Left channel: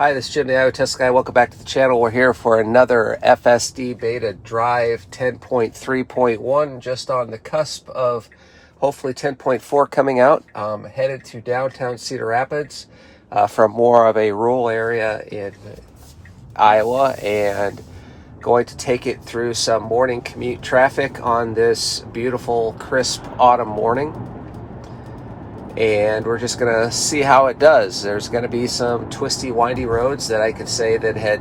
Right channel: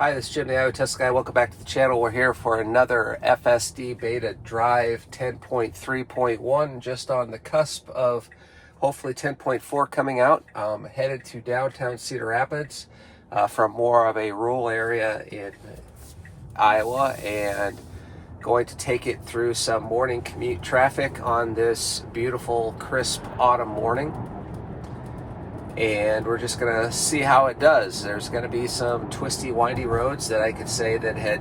Hi, this is Jim the IO Tesla guy. Welcome back to the channel. We're here for another FSD Beta Drive 10.3.1, just on the cusp of hopefully 10.4 coming out. Headed to downtown Cedar Rapids from more of a rural area in Iowa, and going to take it through some morning commute traffic on this beautiful, crisp autumn morning. And we're just gonna see how it does. There's gonna be some twisty, windy roads that I could say that had,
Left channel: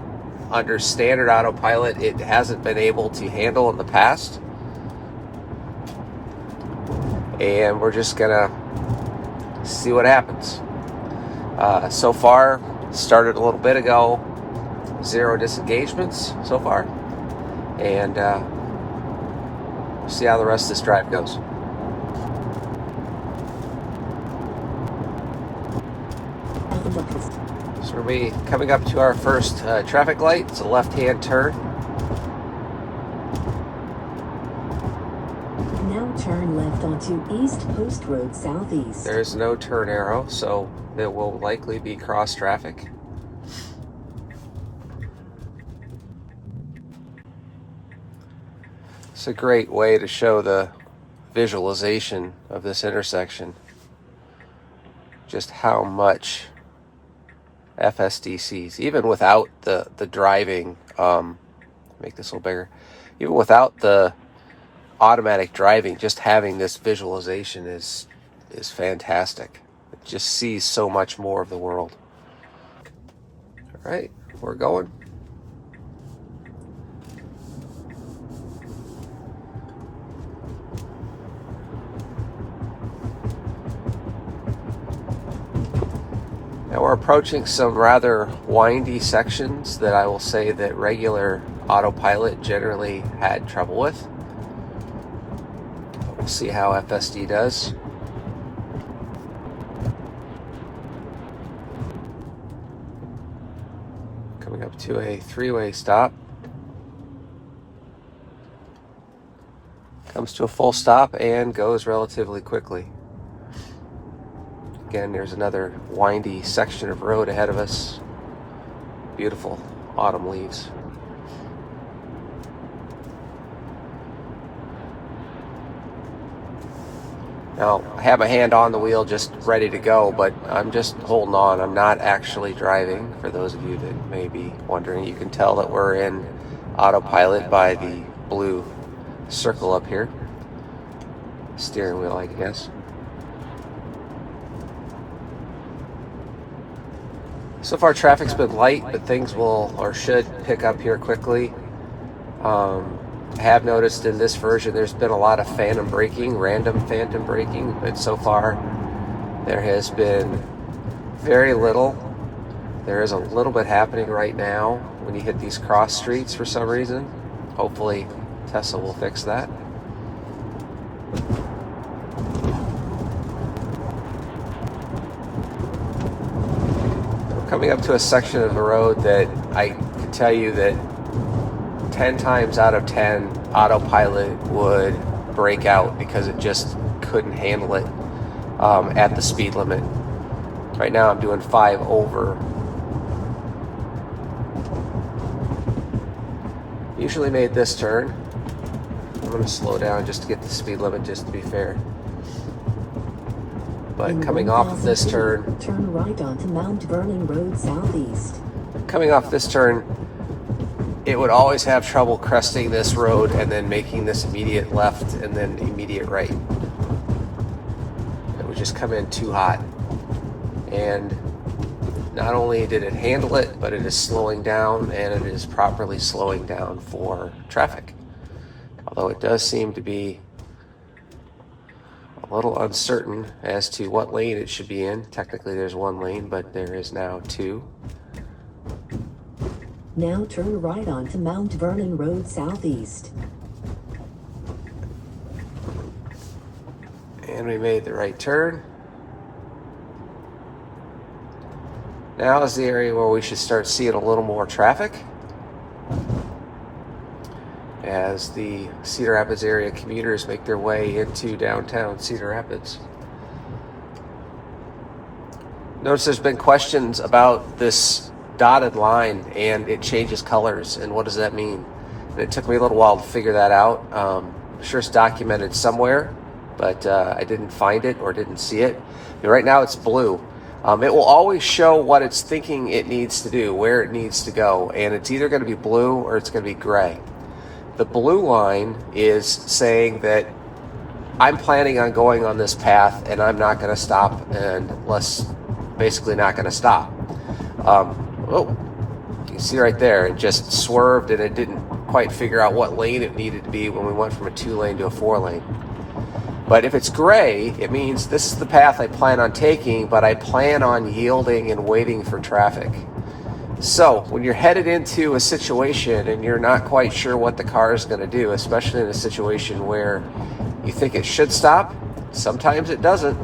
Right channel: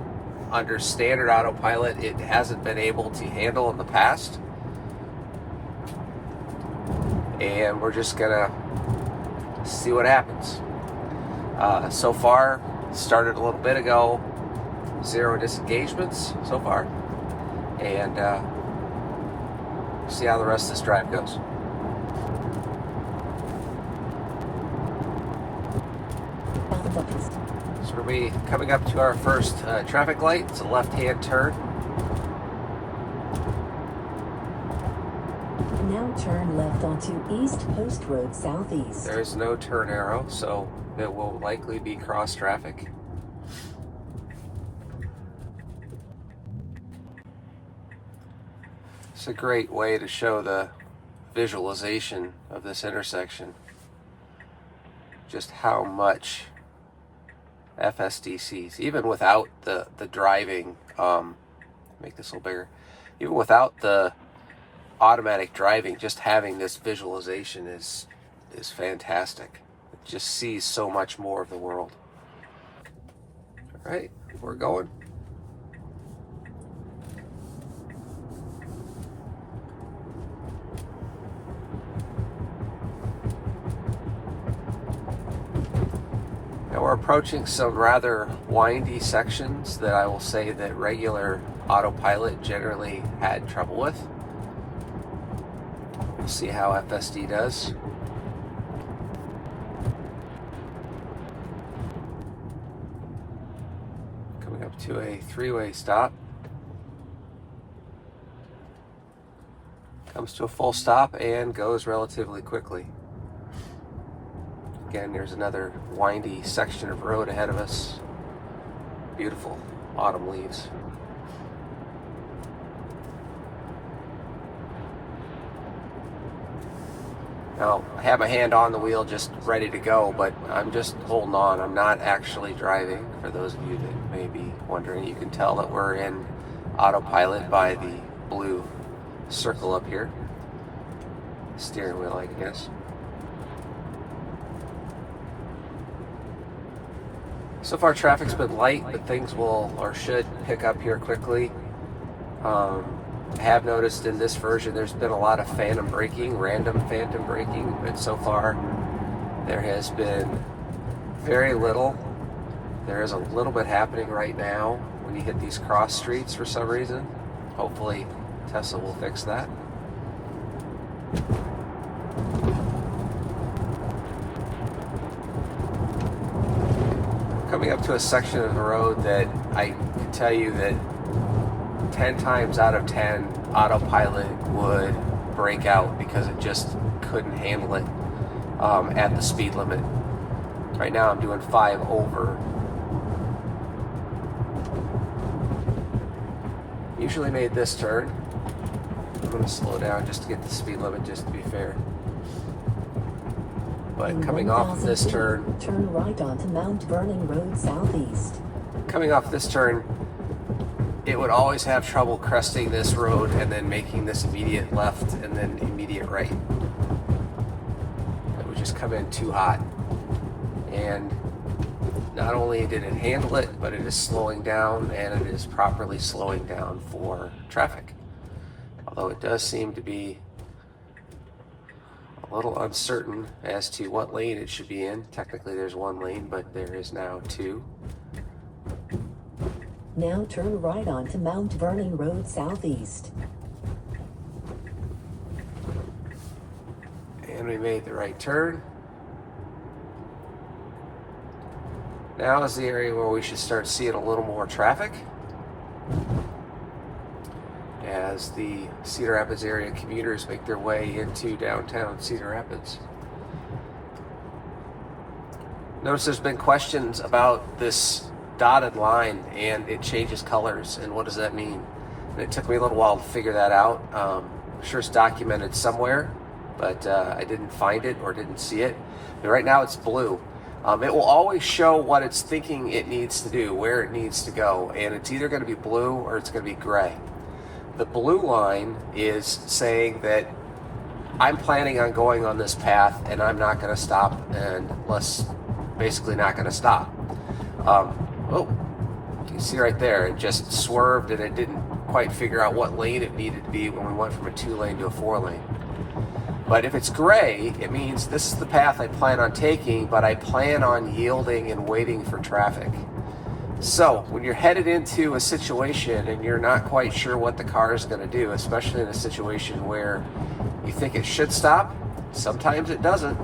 under standard autopilot, it hasn't been able to handle in the past. And we're just gonna see what happens. So far, started a little bit ago, 0 disengagements so far. And see how the rest of this drive goes. So we'll be coming up to our first traffic light. It's a left-hand turn. Now turn left onto East Post Road Southeast. There's no turn arrow, so it will likely be cross traffic. It's a great way to show the visualization of this intersection. Just how much FSD sees, even without the driving. Make this a little bigger. Even without the automatic driving, just having this visualization is fantastic. It just sees so much more of the world. All right, we're going. We're approaching some rather windy sections that I will say that regular autopilot generally had trouble with. We'll see how FSD does. Coming up to a 3-way stop. Comes to a full stop and goes relatively quickly. Again, there's another windy section of road ahead of us. Beautiful autumn leaves. Now, I have my hand on the wheel just ready to go, but I'm just holding on. I'm not actually driving. For those of you that may be wondering, you can tell that we're in autopilot by the blue circle up here. Steering wheel, I guess. So far, traffic's been light, but things will or should pick up here quickly. I have noticed in this version there's been a lot of phantom braking, random phantom braking, but so far there has been very little. There is a little bit happening right now when you hit these cross streets for some reason. Hopefully Tesla will fix that. Coming up to a section of the road that I can tell you that 10 times out of 10 autopilot would break out because it just couldn't handle it at the speed limit. Right now I'm doing 5 over. Usually made this turn. I'm going to slow down just to get the speed limit, just to be fair. But coming off of this turn, turn right onto Mount Vernon Road Southeast. Coming off this turn, it would always have trouble cresting this road and then making this immediate left and then immediate right. It would just come in too hot. And not only did it handle it, but it is slowing down, and it is properly slowing down for traffic. Although it does seem to be a little uncertain as to what lane it should be in. Technically there's 1 lane, but there is now 2. Now turn right onto Mount Vernon Road Southeast. And we made the right turn. Now is the area where we should start seeing a little more traffic, as the Cedar Rapids area commuters make their way into downtown Cedar Rapids. Notice there's been questions about this dotted line and it changes colors, and what does that mean? And it took me a little while to figure that out. I'm sure it's documented somewhere, but I didn't find it or didn't see it. And right now it's blue. It will always show what it's thinking it needs to do, where it needs to go, and it's either going to be blue or it's going to be gray. The blue line is saying that I'm planning on going on this path and I'm not going to stop unless, basically not going to stop. Oh, you can see right there, it just swerved and it didn't quite figure out what lane it needed to be when we went from a 2-lane to a 4-lane. But if it's gray, it means this is the path I plan on taking, but I plan on yielding and waiting for traffic. So when you're headed into a situation and you're not quite sure what the car is going to do, especially in a situation where you think it should stop, sometimes it doesn't.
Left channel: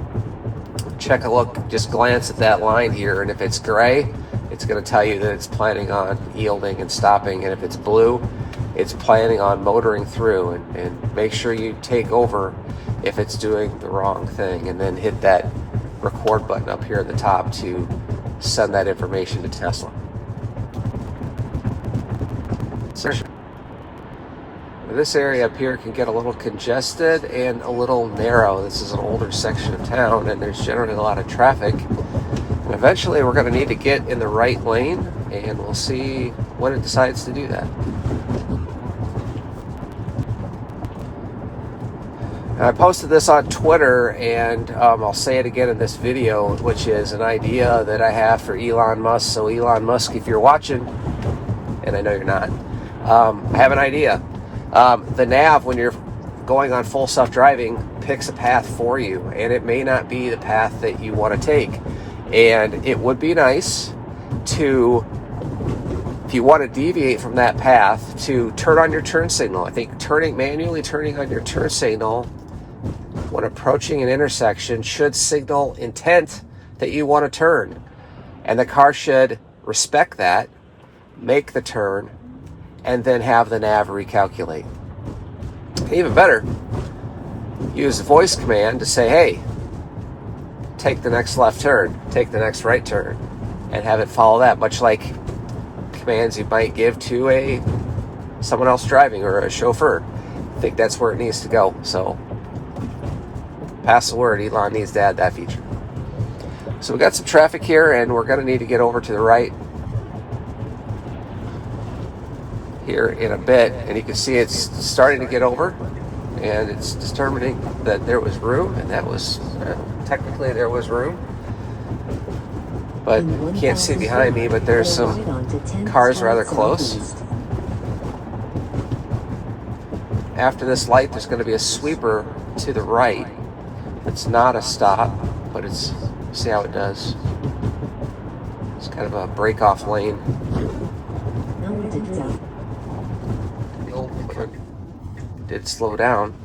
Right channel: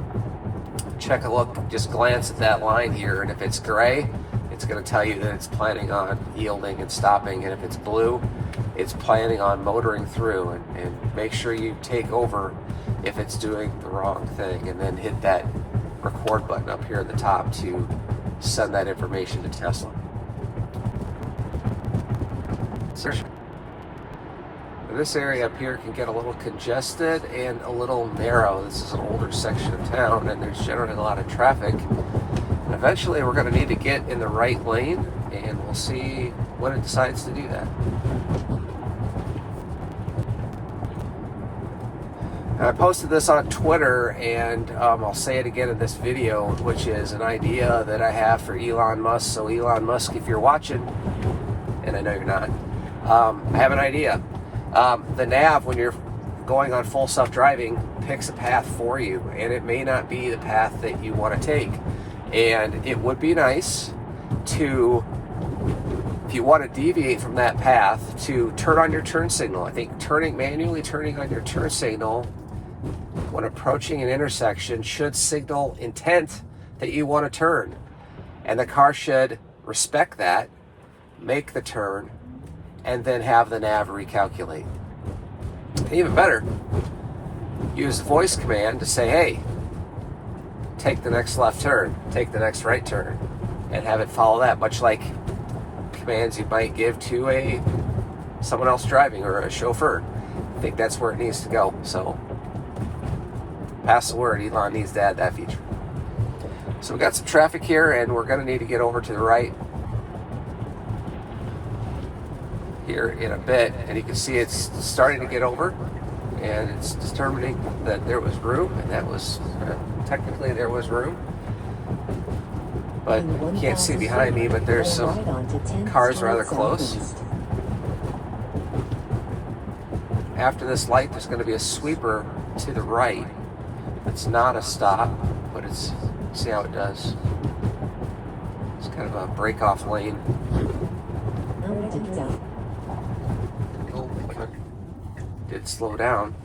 Check a look, just glance at that line here, and if it's gray, it's going to tell you that it's planning on yielding and stopping, and if it's blue, it's planning on motoring through. And make sure you take over if it's doing the wrong thing, and then hit that record button up here at the top to send that information to Tesla. This area up here can get a little congested and a little narrow. This is an older section of town and there's generally a lot of traffic. And eventually we're going to need to get in the right lane, and we'll see when it decides to do that. I posted this on Twitter, and I'll say it again in this video, which is an idea that I have for Elon Musk. So Elon Musk, if you're watching, and I know you're not, I have an idea. The nav, when you're going on full self-driving, picks a path for you, and it may not be the path that you want to take. And it would be nice to, if you want to deviate from that path, to turn on your turn signal. I think manually turning on your turn signal when approaching an intersection should signal intent that you want to turn. And the car should respect that, make the turn, and then have the nav recalculate. Even better, use the voice command to say, hey, take the next left turn, take the next right turn, and have it follow that, much like commands you might give to someone else driving or a chauffeur. I think that's where it needs to go. So pass the word, Elon needs to add that feature. So we got some traffic here, and we're going to need to get over to the right here in a bit, and you can see it's starting to get over, and it's determining that there was room, and that was technically there was room, but you can't see behind me, but there's some cars rather close. After this light, there's going to be a sweeper to the right. It's not a stop, but it's, see how it does. It's kind of a break-off lane. Did slow down,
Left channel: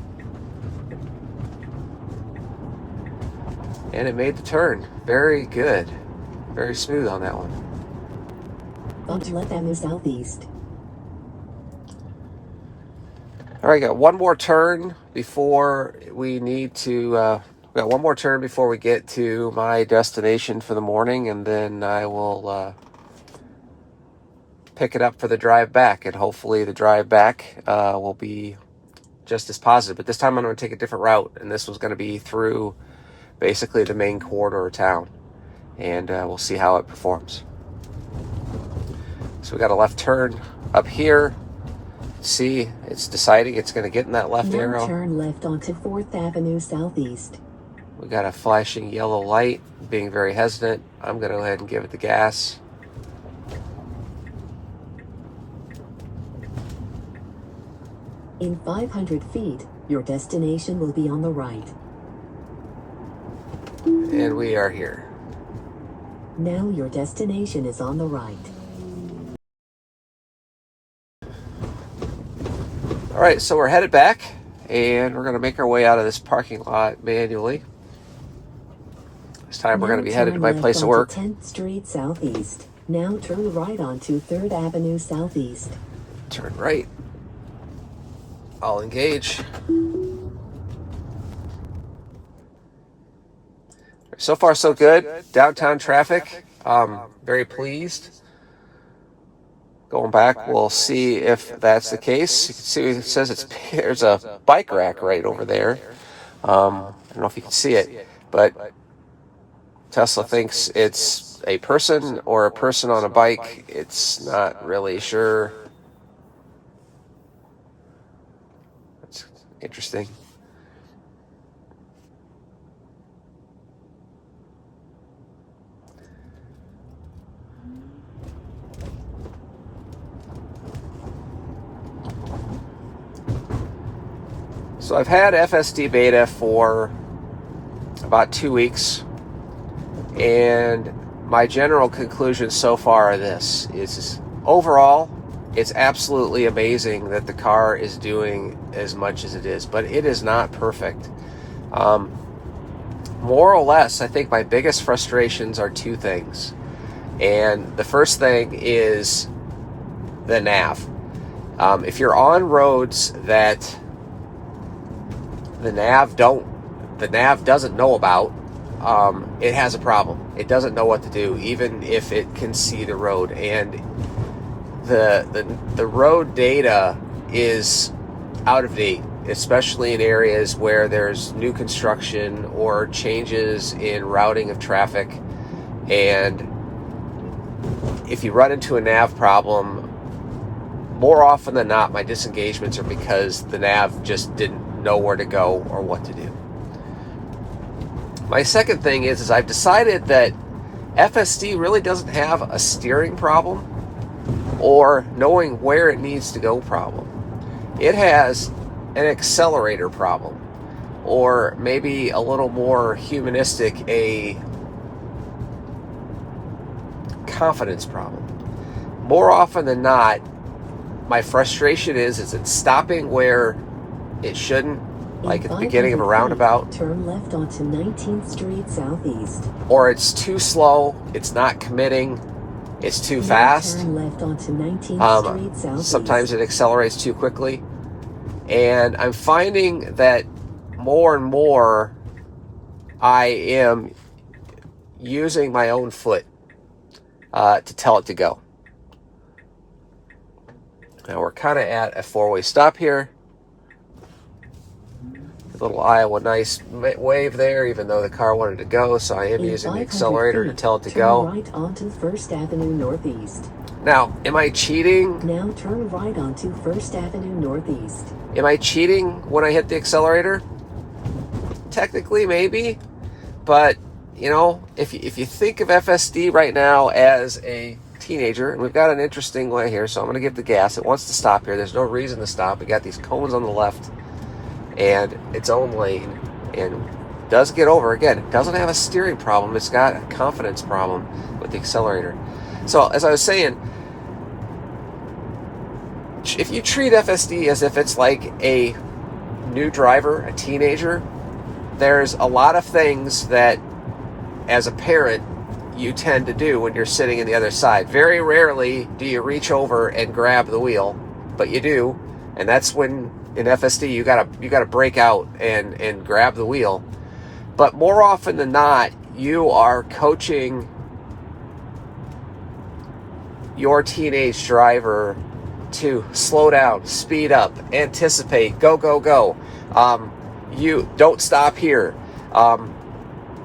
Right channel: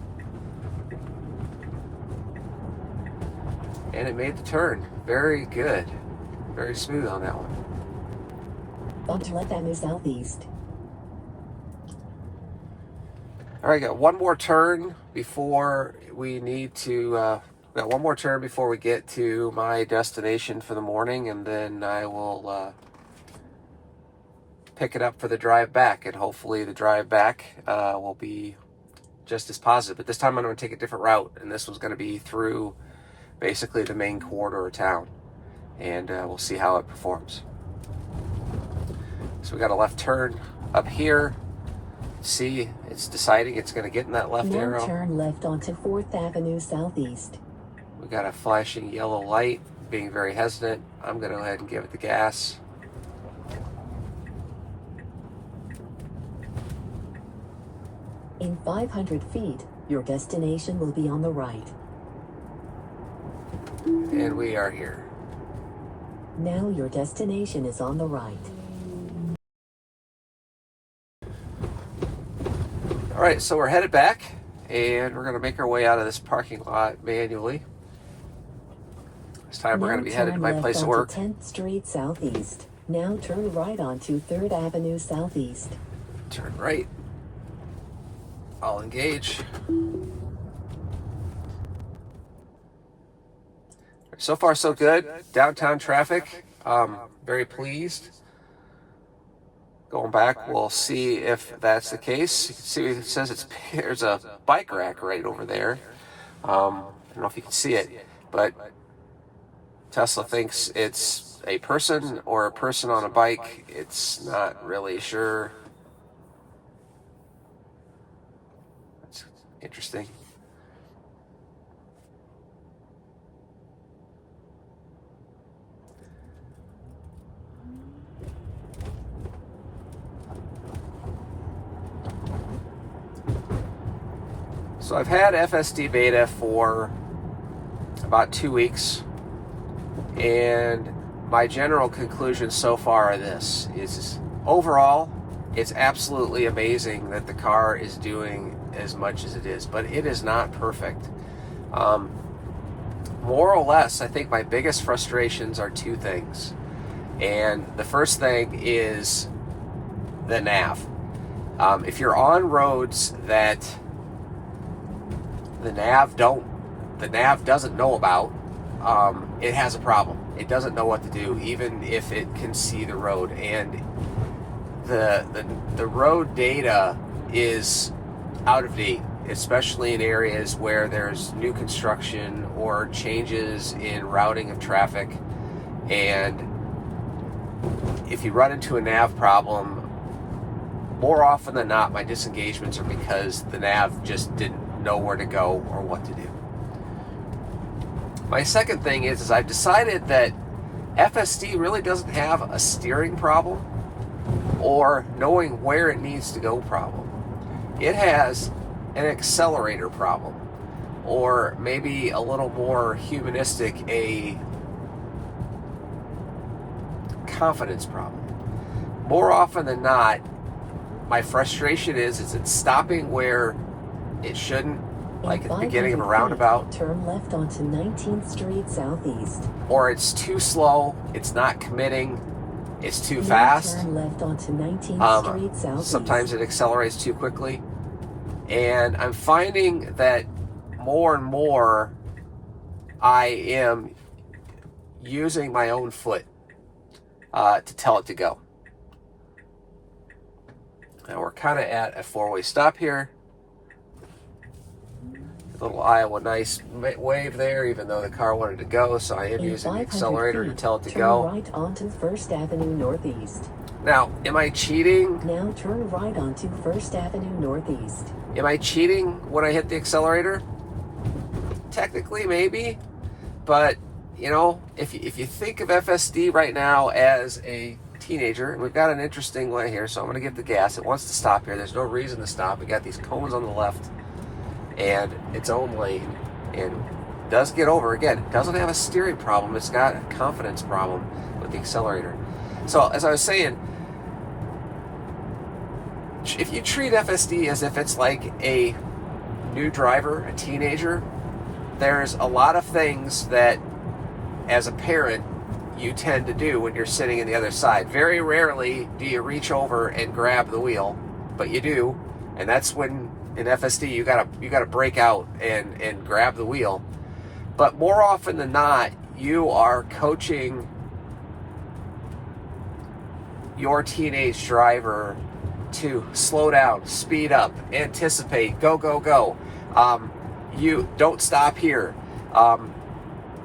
and it made the turn. Very good, very smooth on that one. Onto left Avenue Southeast. All right, got one more turn before we need to. Got one more turn before we get to my destination for the morning, and then I will pick it up for the drive back, and hopefully the drive back will be just as positive. But this time I'm going to take a different route, and this was going to be through basically the main corridor of town, and we'll see how it performs. So we got a left turn up here. See, it's deciding it's going to get in that left arrow. Turn left onto 4th Avenue Southeast. We got a flashing yellow light, being very hesitant. I'm going to go ahead and give it the gas. In 500 feet, your destination will be on the right. And we are here. Now your destination is on the right. All right, so we're headed back, and we're going to make our way out of this parking lot manually. This time we're going to be headed to my place of work. 10th Street Southeast. Now turn right onto 3rd Avenue Southeast. Turn right. I'll engage. So far, so good. Downtown traffic. Very pleased. Going back, we'll see if that's the case. You can see it says there's a bike rack right over there. I don't know if you can see it, but Tesla thinks it's a person or a person on a bike. It's not really sure. It's interesting. So I've had FSD Beta for about 2 weeks, and my general conclusion so far of this is overall, it's absolutely amazing that the car is doing as much as it is, but it is not perfect. More or less, I think my biggest frustrations are two things. And the first thing is the nav. If you're on roads that the nav doesn't know about, it has a problem. It doesn't know what to do, even if it can see the road. And the road data is out of date, especially in areas where there's new construction or changes in routing of traffic. And if you run into a nav problem, more often than not, my disengagements are because the nav just didn't know where to go or what to do. My second thing is I've decided that FSD really doesn't have a steering problem or knowing where it needs to go problem. It has an accelerator problem, or maybe a little more humanistic, a confidence problem. More often than not, my frustration is it's stopping where it shouldn't, like at the beginning of a roundabout. Turn left onto 19th Street Southeast. Or it's too slow, it's not committing, it's too fast. Turn left onto 19th Street Southeast. Sometimes it accelerates too quickly. And I'm finding that more and more I am using my own foot to tell it to go. Now we're kind of at a four-way stop here. Little Iowa nice wave there, even though the car wanted to go, so I am using the accelerator to tell it to go. Turn right onto First Avenue Northeast. Now, am I cheating? Now turn right onto First Avenue Northeast. Am I cheating when I hit the accelerator? Technically, maybe, but you know, if you think of FSD right now as a teenager, and we've got an interesting way here, so I'm going to give the gas. It wants to stop here. There's no reason to stop. We got these cones on the left and its own lane, and does get over. Again, it doesn't have a steering problem, it's got a confidence problem with the accelerator. So as I was saying, if you treat FSD as if it's like a new driver, a teenager, there's a lot of things that as a parent you tend to do when you're sitting in the other side. Very rarely do you reach over and grab the wheel, but you do, and that's when in FSD you gotta break out and grab the wheel. But more often than not, you are coaching your teenage driver to slow down, speed up, anticipate, go, go, go. You don't stop here.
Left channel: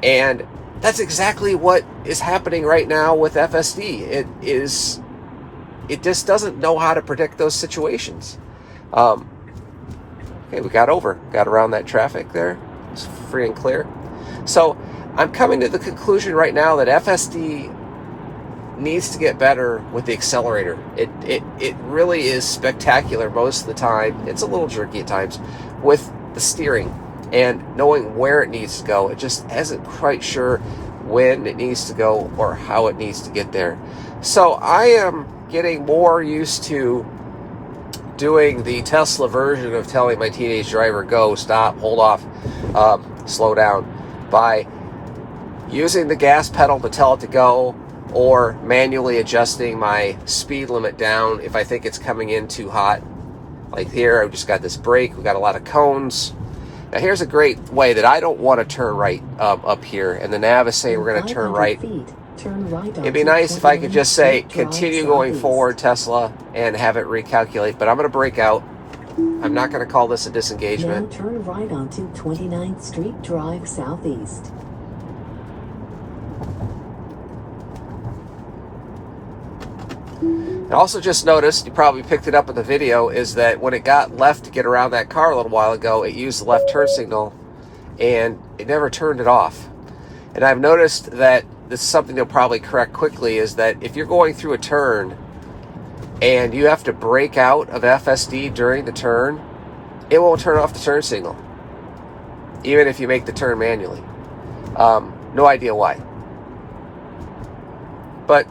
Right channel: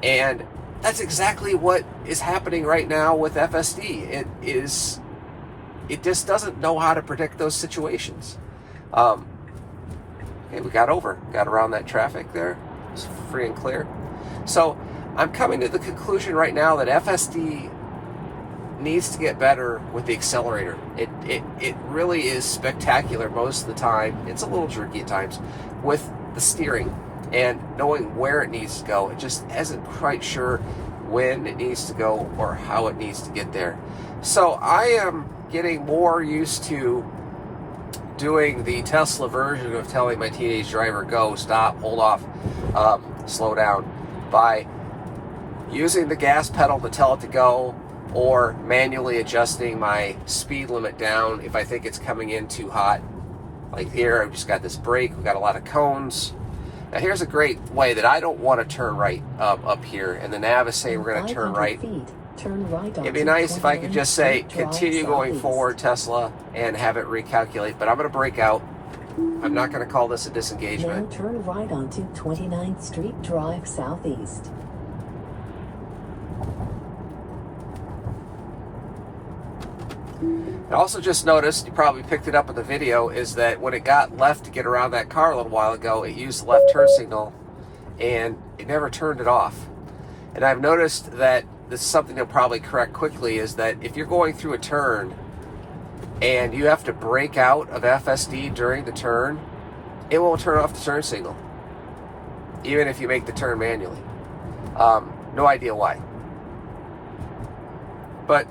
And that's exactly what is happening right now with FSD. It just doesn't know how to predict those situations. Okay, we got around that traffic there. It's free and clear. So I'm coming to the conclusion right now that FSD needs to get better with the accelerator. It really is spectacular most of the time. It's a little jerky at times with the steering and knowing where it needs to go. It just isn't quite sure when it needs to go or how it needs to get there. So I am getting more used to doing the Tesla version of telling my teenage driver, go, stop, hold off, slow down, by using the gas pedal to tell it to go, or manually adjusting my speed limit down if I think it's coming in too hot. Like here, I've just got this brake, we've got a lot of cones. Now here's a great way that I don't want to turn right up here, and the nav is saying we're going to turn right. Turn right It'd be onto nice if I could 29th just say, Street Drive continue going Southeast. forward, Tesla, and have it recalculate, but I'm going to break out. I'm not going to call this a Now disengagement. turn right onto 29th Street Drive Southeast. I also just noticed, you probably picked it up in the video, is that when it got left to get around that car a little while ago, it used the left turn signal and it never turned it off. And I've noticed that this is something they'll probably correct quickly, is that if you're going through a turn and you have to break out of FSD during the turn, it won't turn off the turn signal, even if you make the turn manually. No idea why. But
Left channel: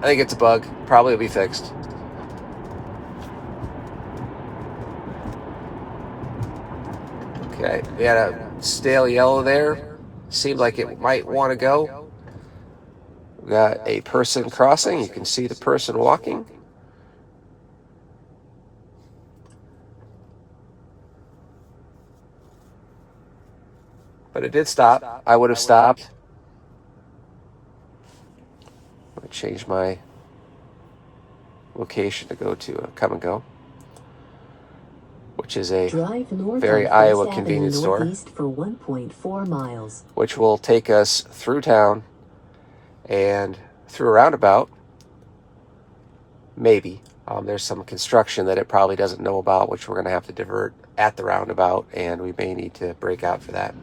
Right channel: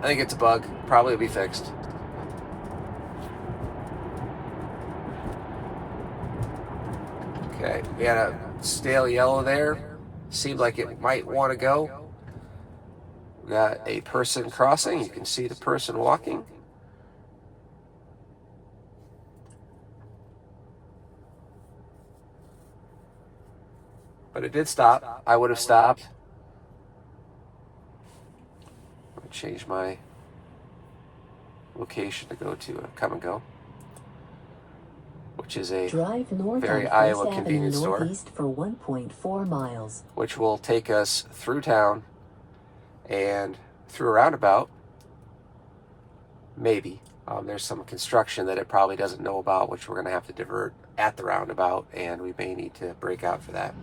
I think it's a bug. Probably will be fixed. Okay, we had a stale yellow there. Seemed like it might want to go. We got a person crossing. You can see the person walking. But it did stop. I would have stopped. I'm going to change my location to go to a Come and Go, which is a Drive north very on Iowa First convenience Avenue store, northeast for 1.4 miles. which will take us through town and through a roundabout. Maybe. There's some construction that it probably doesn't know about, which we're going to have to divert at the roundabout, and we may need to break out for that.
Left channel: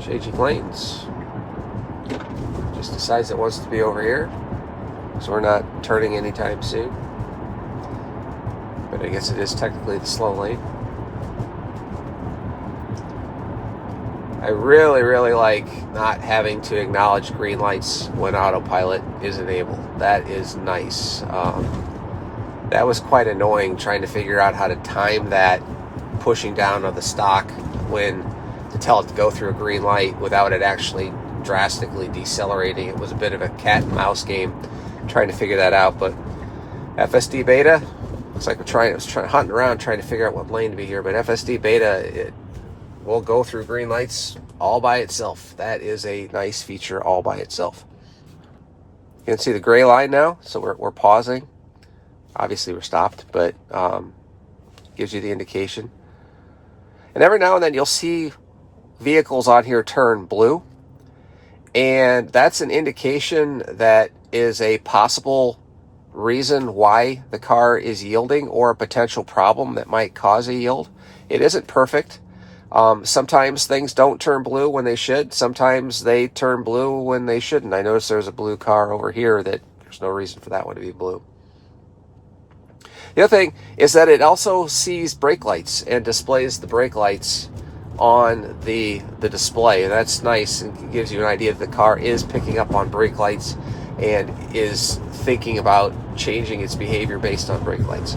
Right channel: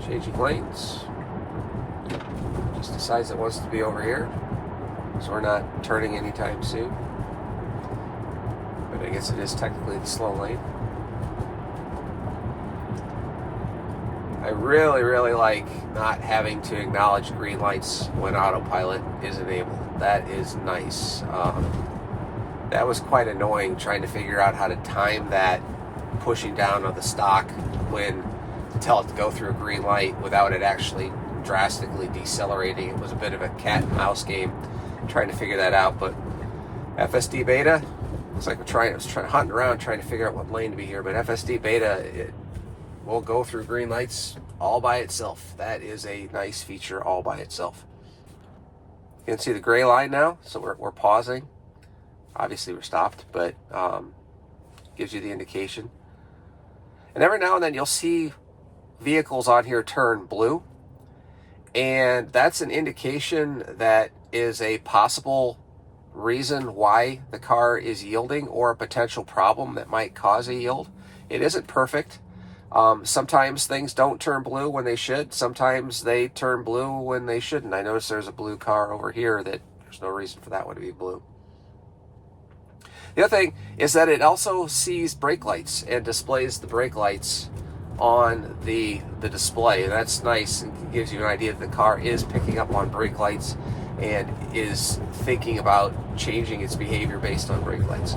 Changing lanes. Just decides it wants to be over here, so we're not turning anytime soon. But I guess it is technically the slow lane. I really, really like not having to acknowledge green lights when autopilot is enabled. That is nice. That was quite annoying trying to figure out how to time that pushing down of the stock when to tell it to go through a green light without it actually drastically decelerating. It was a bit of a cat and mouse game trying to figure that out. But FSD Beta, looks like hunting around trying to figure out what lane to be here. But FSD Beta, it will go through green lights all by itself. That is a nice feature all by itself. You can see the gray line now, so we're pausing. Obviously we're stopped, but gives you the indication. And every now and then you'll see vehicles on here turn blue, and that's an indication that is a possible reason why the car is yielding, or a potential problem that might cause a yield. It isn't perfect. Sometimes things don't turn blue when they should. Sometimes they turn blue when they shouldn't. I notice there's a blue car over here that there's no reason for that one to be blue. The other thing is that it also sees brake lights and displays the brake lights on the display, and that's nice and gives you an idea that the car is picking up on brake lights and is thinking about changing its behavior based on brake lights.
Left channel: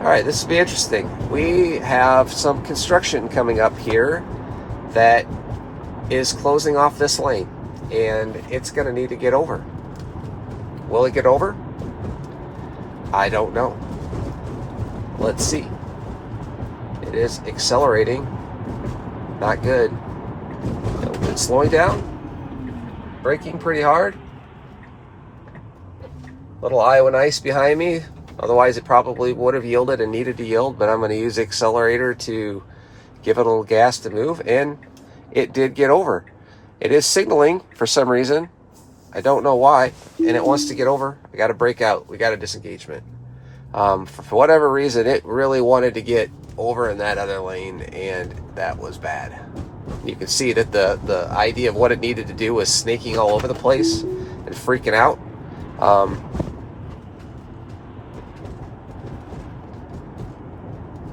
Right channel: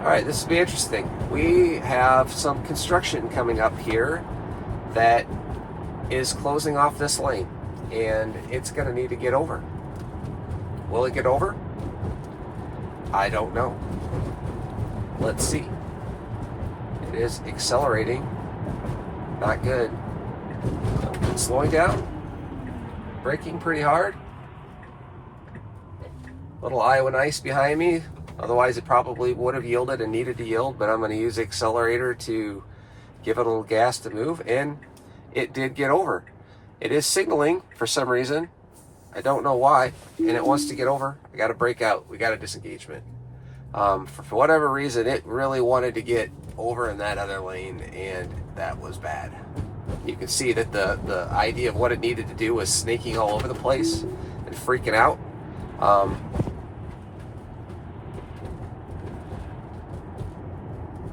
All right, this will be interesting. We have some construction coming up here that is closing off this lane, and it's going to need to get over. Will it get over? I don't know. Let's see. It is accelerating. Not good. It's slowing down. Braking pretty hard. Little Iowa ice behind me. Otherwise, it probably would have yielded and needed to yield, but I'm going to use the accelerator to give it a little gas to move, and it did get over. It is signaling for some reason. I don't know why, and it wants to get over. We got to break out. We got a disengagement. For whatever reason, it really wanted to get over in that other lane, and that was bad. You can see that the idea of what it needed to do was snaking all over the place and freaking out.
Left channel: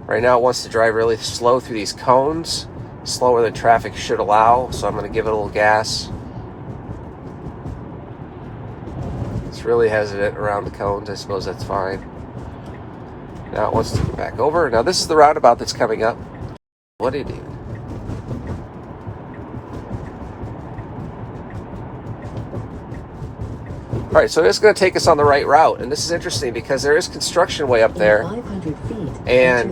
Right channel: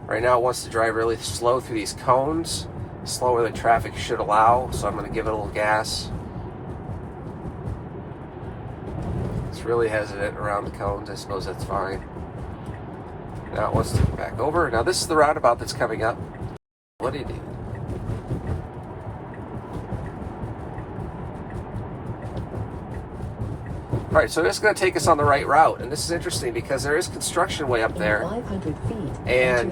Right now it wants to drive really slow through these cones, slower than traffic should allow, so I'm going to give it a little gas. It's really hesitant around the cones. I suppose that's fine. Now it wants to go back over. Now this is the roundabout that's coming up. What did it do? All right, so it's going to take us on the right route, and this is interesting because there is construction way up there, 500 feet, and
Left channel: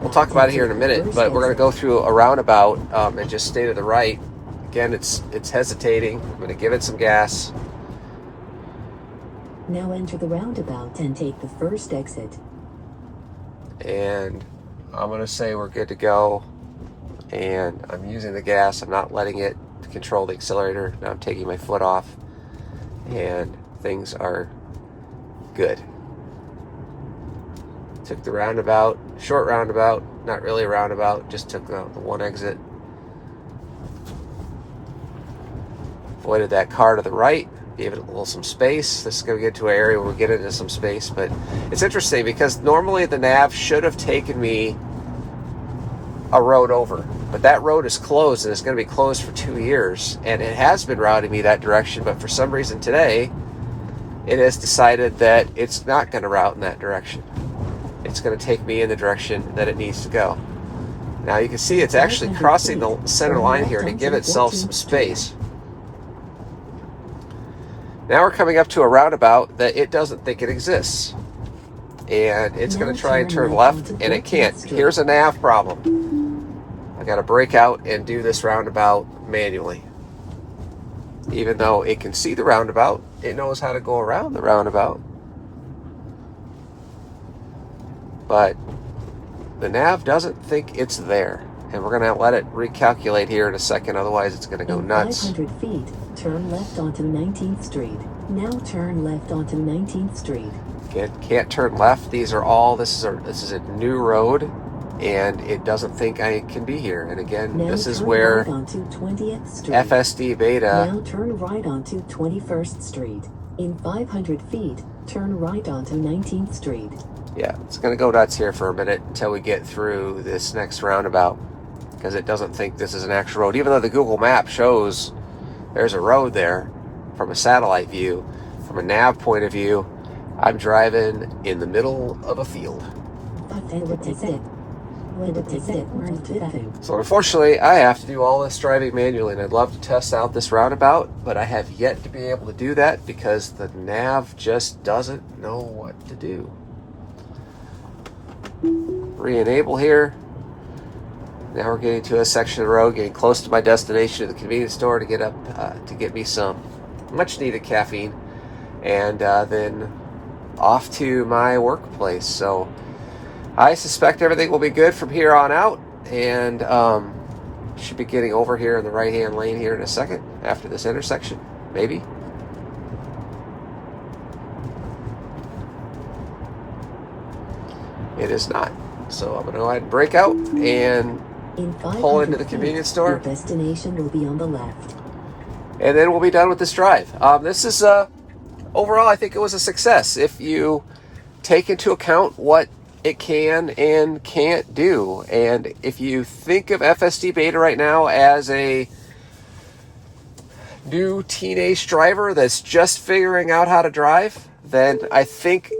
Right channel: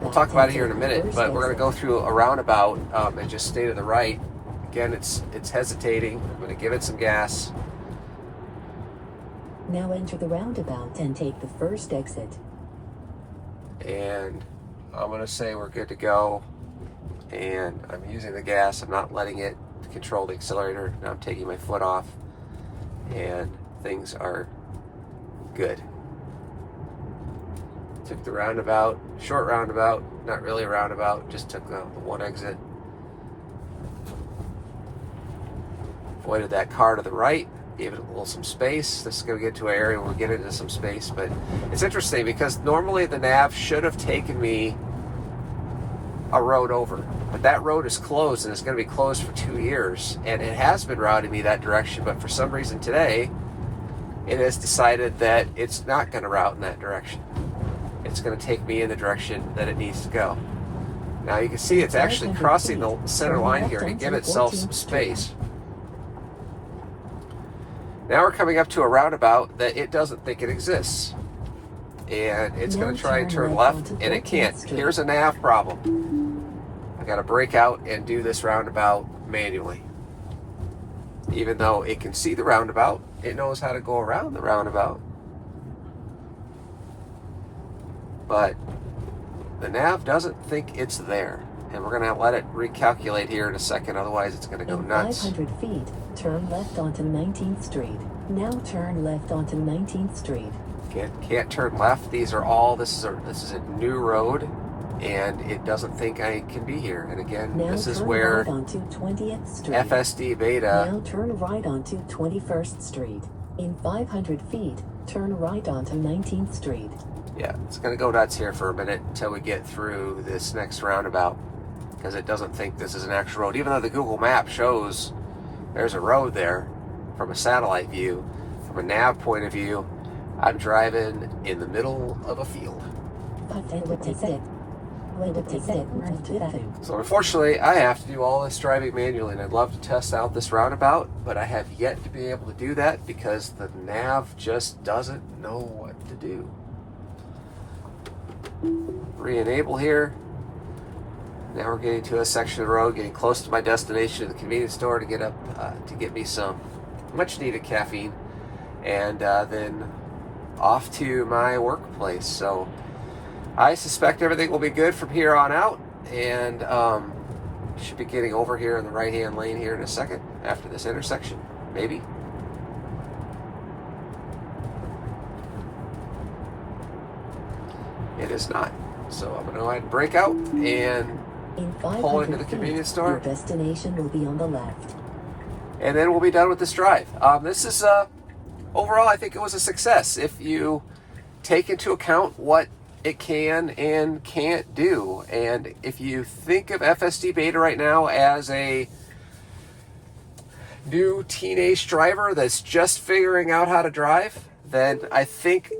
we'll talk about it here in a minute, but we're going to go through a roundabout and just stay to the right. Again, it's hesitating. I'm going to give it some gas. Now enter the roundabout and take the first exit. And I'm going to say we're good to go, and I'm using the gas. I'm not letting it control the accelerator. Now I'm taking my foot off, and things are good. Took the roundabout, short roundabout, not really a roundabout, just took the one exit. Avoided that car to the right, gave it a little some space. This is going to get to an area where we get into some space, but it's interesting because normally the nav should have taken me a road over, but that road is closed, and it's going to be closed for 2 years, and it has been routing me that direction, but for some reason today it has decided that it's not going to route in that direction. It's going to take me in the direction that it needs to go. Now you can see it's actually crossing the center line here to give itself some space. Now we're coming up to a roundabout that it doesn't think it exists, and it's going to try and turn left, and it can't. Here's a nav problem. I got to break out and do this roundabout manually. Even though it can see the roundabout, it knows how to go around the roundabout. But the nav doesn't think it's there, and we're going to let it recalculate here in a second, otherwise it's going to go nuts. 500 feet, turn left onto 19th Street. Now turn left onto 19th Street. Can't turn left. These are all, this is a new road, and it doesn't think I can be here. And again, now this is where right onto 20th Street. FSD Beta. Now turn right onto 21st Street. In 500 feet, turn right onto 19th Street. Yeah, it's going to go nuts here for a minute until we get through this next roundabout, because it doesn't think this is an actual road, even though the Google map shows there's a road there from a satellite view. From a nav point of view, I'm driving in the middle of a field. So unfortunately, I have to do all this driving manually, and I'd love to test out this roundabout, but I have yet to be able to do that because the nav just doesn't know what to do. Re-enable here. Now we're getting to a section of the road, getting close to my destination at the convenience store to get up to get me some much needed caffeine, and then off to my workplace. So I suspect everything will be good from here on out, and should be getting over here in the right hand lane here in a second after this intersection, maybe. It is not. So I'm going to go ahead and break out and pull into the convenience store. Your destination will be on the left. And then we'll be done with this drive. This is, overall, I think it was a success. If you take into account what it can and can't do. And if you think of FSD Beta right now as a new teenage driver that's just figuring out how to drive, then I think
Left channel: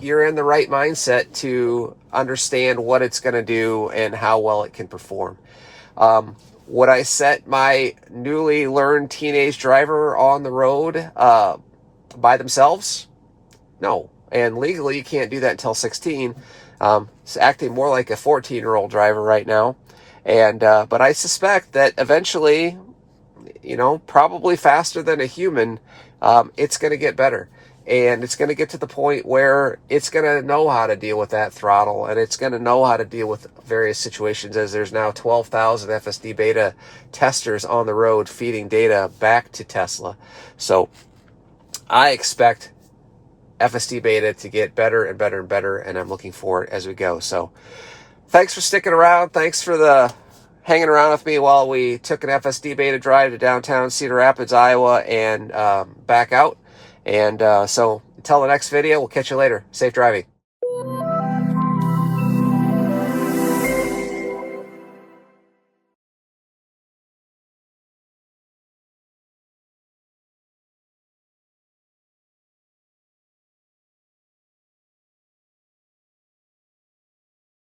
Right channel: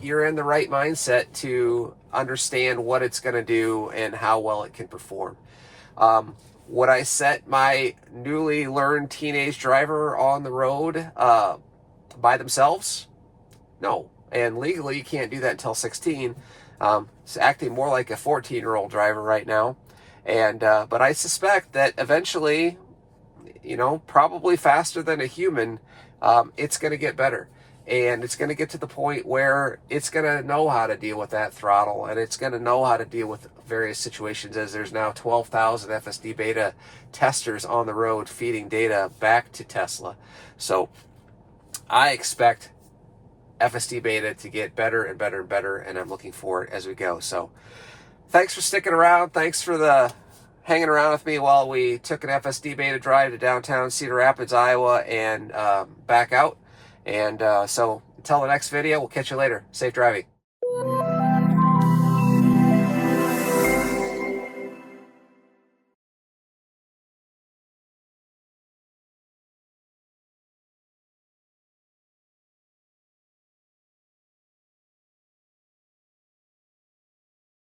you're in the right mindset to understand what it's going to do and how well it can perform. Would I set my newly learned teenage driver on the road by themselves? No. And legally, you can't do that until 16. It's acting more like a 14-year-old driver right now. And but I suspect that eventually, probably faster than a human, it's going to get better. And it's going to get to the point where it's going to know how to deal with that throttle, and it's going to know how to deal with various situations, as there's now 12,000 FSD Beta testers on the road feeding data back to Tesla. So I expect FSD Beta to get better and better and better, and I'm looking forward as we go. So thanks for sticking around. Thanks for hanging around with me while we took an FSD Beta drive to downtown Cedar Rapids, Iowa, and back out. And so until the next video, we'll catch you later. Safe driving.